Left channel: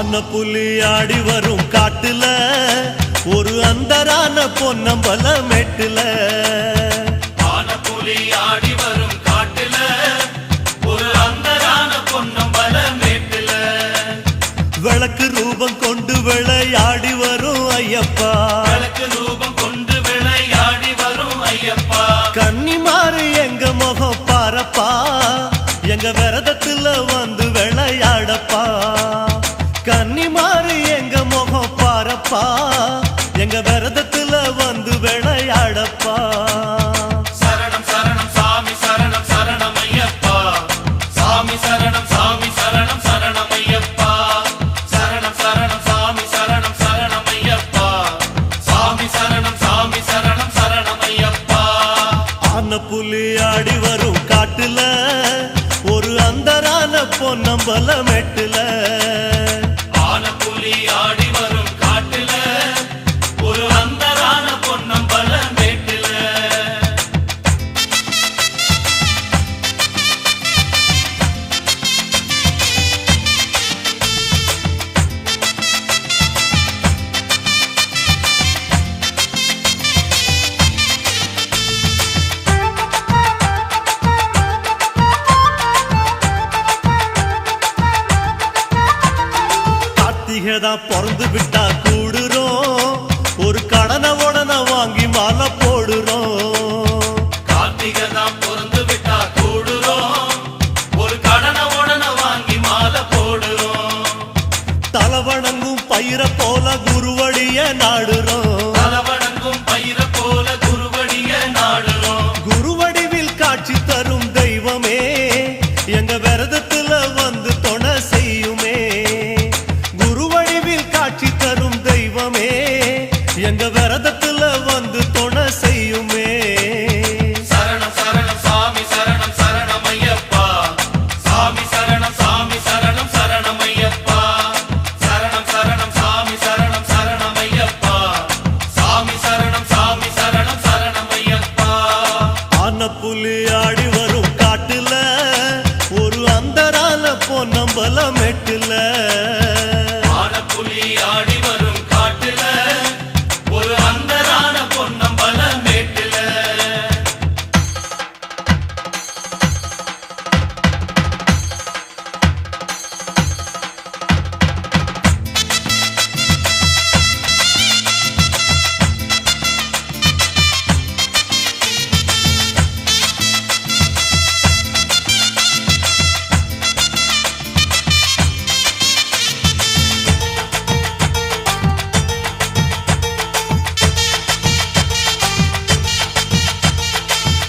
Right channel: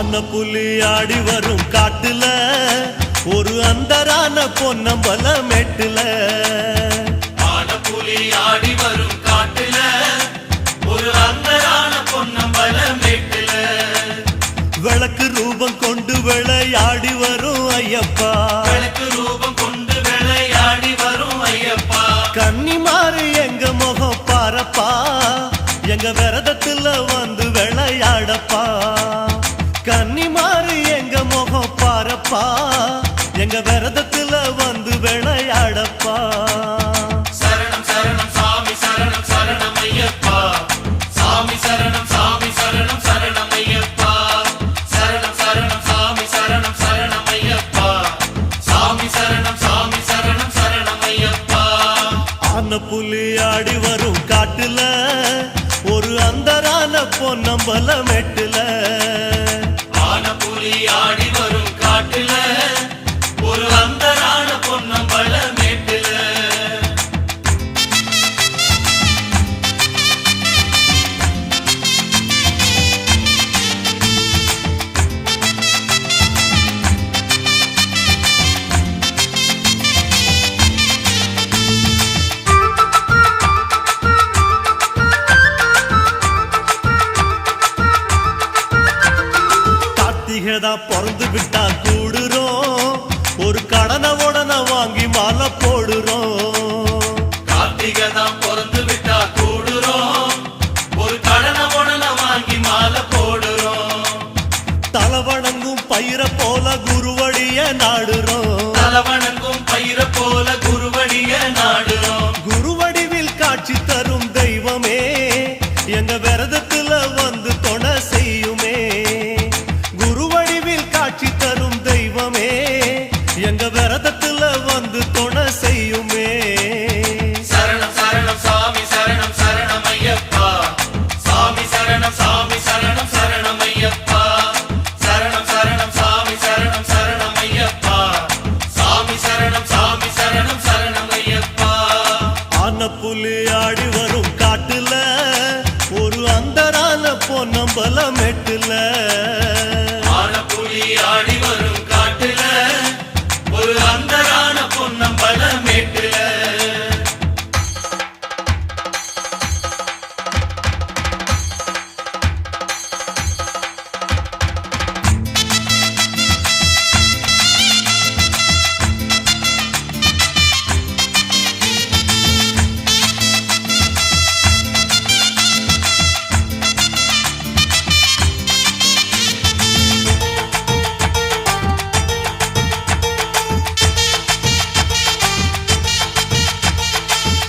ஆன புலி ஆடி வரும் காட்டுல ஒரு அந்தரான பொன்னம்பல மெட்டுல ஆன புலி ஆடி வரும் காட்டுல ஒரு அந்தரான பொன்னம்பல மெட்டுல விளக்கு ரூபம் கொண்டு விளையாடி வரும் ஐயப்பா விளக்கு ரூபம் கொண்டு விளையாடி வரும் ஐயப்பா கன்னிமாறு எங்க முகம் பாரப்பா எங்க விரதத்துல வந்து விளையாடப்பா கன்னிமாறு எங்க முகம் பாரப்பா எங்க விரதத்துல வந்து விளையாடப்பா சரணம் சரணம் சாமி சரணம் சரணம் ஐயப்பா சாமி சரணம் சாமி சரணம் சரணம் ஐயப்பா சரணம் சரணம் சாமி சரணம் சரணம் ஐயப்பா சாமி சரணம் சாமி சரணம் சரணம் ஐயப்பா ஆன புலி ஆடி வரும் காட்டுல ஒரு அந்தரான பொன்னம்பல மெட்டுல ஆன புலி ஆடி வரும் காட்டுல ஒரு அந்தரான பொன்னம்பல மேட்டுல கார்த்திகைதான் பிறந்து விட்டா கூடுறோம் ஒரு கடனை உடனே வாங்கி மாலை போடுறோம் கார்த்திகை தான் பிறந்து விட்டா கூடுறோம் ஒரு கடனை உடனே வாங்கி மாலை போடுறோம் தலவணங்கும் பயிர போல குருவடிய நாடுறோம் தலவணங்கும் பயிர போல குருவடிய நாடுறோம் குருவடிவில் காட்சி தரும் தெய்வமே எங்க விரதத்துல வந்து துணை செய்யுமே குருவடிவில் காட்சி தரும் தெய்வமே எங்க விரதத்துல வந்து துணை செய்யுமே சரணம் சரணம் சாமி சரணம் சரணம் ஐயப்பா சாமி சரணம் சாமி சரணம் சரணம் ஐயப்பா சரணம் சரணம் சாமி சரணம் சரணம் ஐயப்பா சாமி சரணம் சாமி சரணம் சரணம் ஐயப்பா ஆன புலி ஆடி வரும் காட்டுல ஒரு அந்தரான பொன்னம்பல மெட்டுல ஆன புலி ஆடி வரும் காட்டுல ஒரு அந்தரான பொன்னம்பல மேட்டுல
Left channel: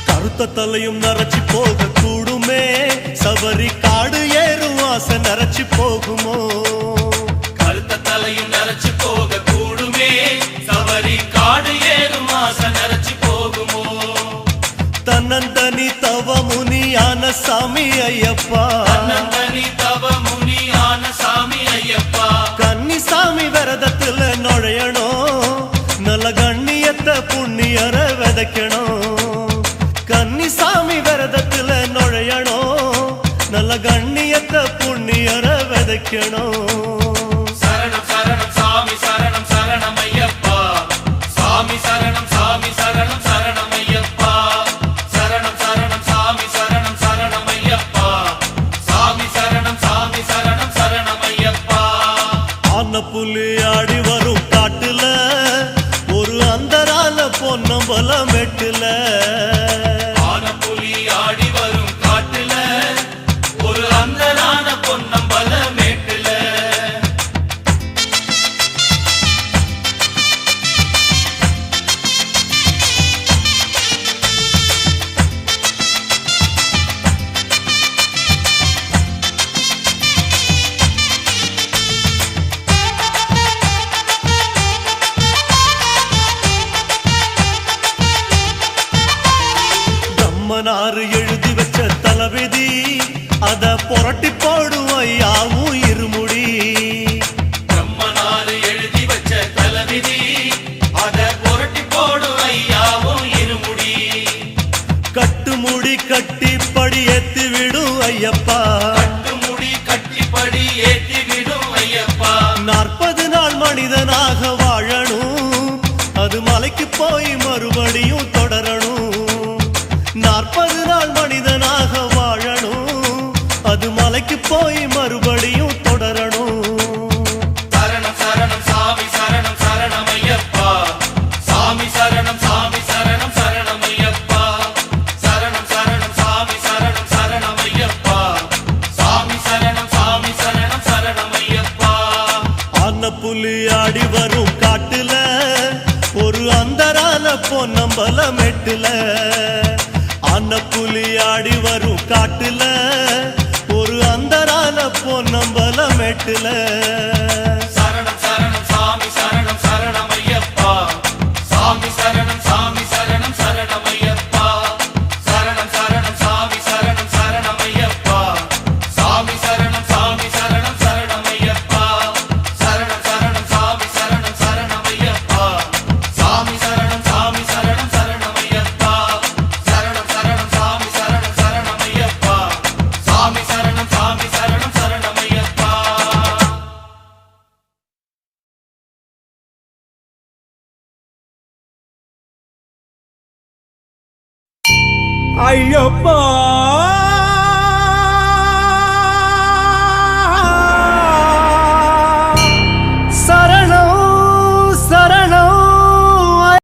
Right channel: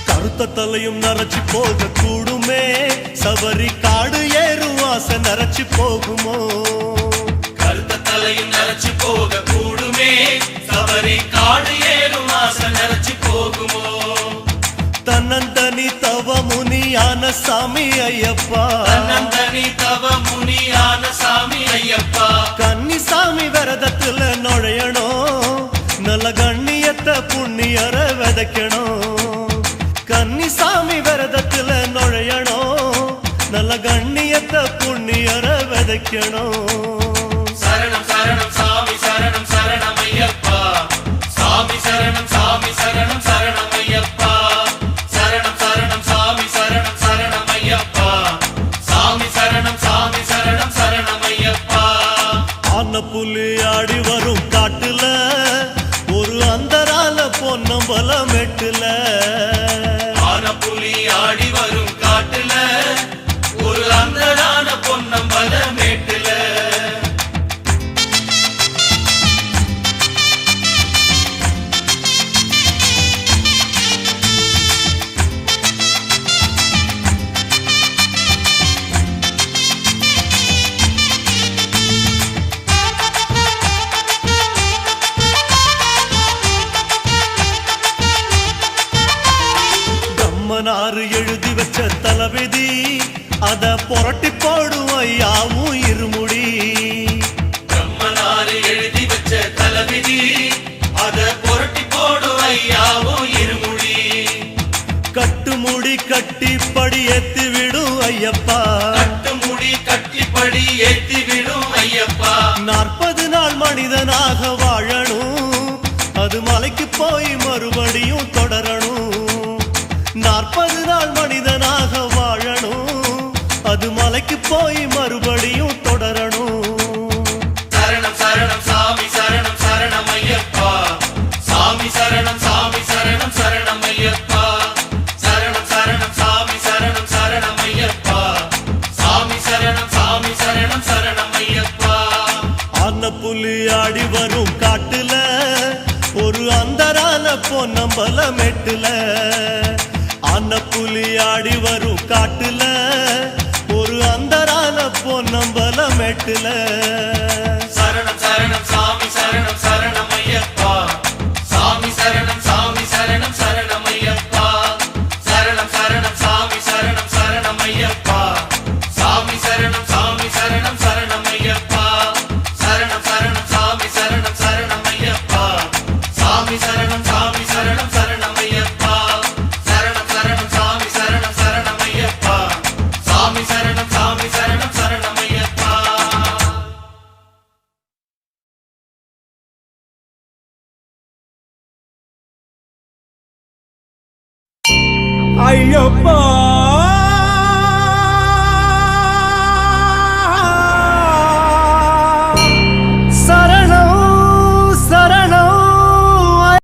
கருத்த தலையும் நரைச்சி போக கூடுமே சபரி காடு ஏறும் ஆசை நரைச்சி போகுமோ கருத்த தலையும் நரைச்சு போக கூடுமே சபரி காடு ஏறும் ஆசை நரைச்சு போகுமோ தன்னந்தனி தவ முனியான சாமி ஐயப்பா தனி தவ முனியான சாமி ஐயப்பா கன்னிசாமி விரதத்துல நுழையணும் நல்ல கண்ணியத்தை புண்ணியர விதைக்கணும் கன்னிசாமி விரதத்துல நுழையணும் நல்ல கண்ணியத்தை புண்ணியர விதைக்கணும் சரணம் சரணம் சாமி சரணம் சரணம் ஐயப்பா சாமி சரணம் சாமி சரணம் சரணம் ஐயப்பா சரணம் சரணம் சாமி சரணம் சரணம் ஐயப்பா சாமி சரணம் சாமி சரணம் சரணம் ஐயப்பா ஆன புலி ஆடி வரும் காட்டுல ஒரு அந்தரான பொன்னம்பல மெட்டுல ஆன புலி ஆடி வரும் காட்டுல ஒரு அந்தரான பொன்னம்பல மேட்டுல பிரம்மனாரு எழுதி வச்ச தளபதி அத புரட்டி போடும் ஐயாவும் இருமுடி நம்மனாரு எழுதி வச்ச தளபதி அத புரட்டி போடும் ஐயாவும் இருமுடி கட்டு முடி கட்டி படி ஏத்தி விடும் ஐயப்பா முடி கட்டி படி ஏத்தி விடும் ஐயப்பா 40 நாள் மனிதனாக வாழணும், அது மலைக்கு போய் மறுபடியும் தொடரணும். 40 நாள் மனிதனாக வாழணும், அது மலைக்கு போய் மறுபடியும் தொடரணும். சரணம் சரணம் சாமி சரணம் சரணம் ஐயப்பா சாமி சரணம் சரணம் ஐயப்பா சரணம் சரணம் சாமி சரணம் சரணம் ஐயப்பா சாமி சரணம் ஐயப்பா. ஆன புலி ஆடி வரும் காட்டுல ஒரு அந்தரான பொன்னம்பல மெட்டுல. ஆன புலி ஆடி வரும் காட்டுல ஒரு அந்தரான பொன்னம்பல மெட்டுல. சரணம் சரணம் சாமி சரணம் ஐயப்பா சாமி சரணம் ஐயப்பா சரணம் சரணம் சாமி சரணம் ஐயப்பா சாமி சரணம் ஐயப்பா சரணம் சரணம் சாமி சரணம் ஐயப்பா சாமி சரணம் ஐயப்பா சரணம் சரணம் சாமி சரணம் ஐயப்பா சாமி சரணம் ஐயப்பா. ஐயப்பா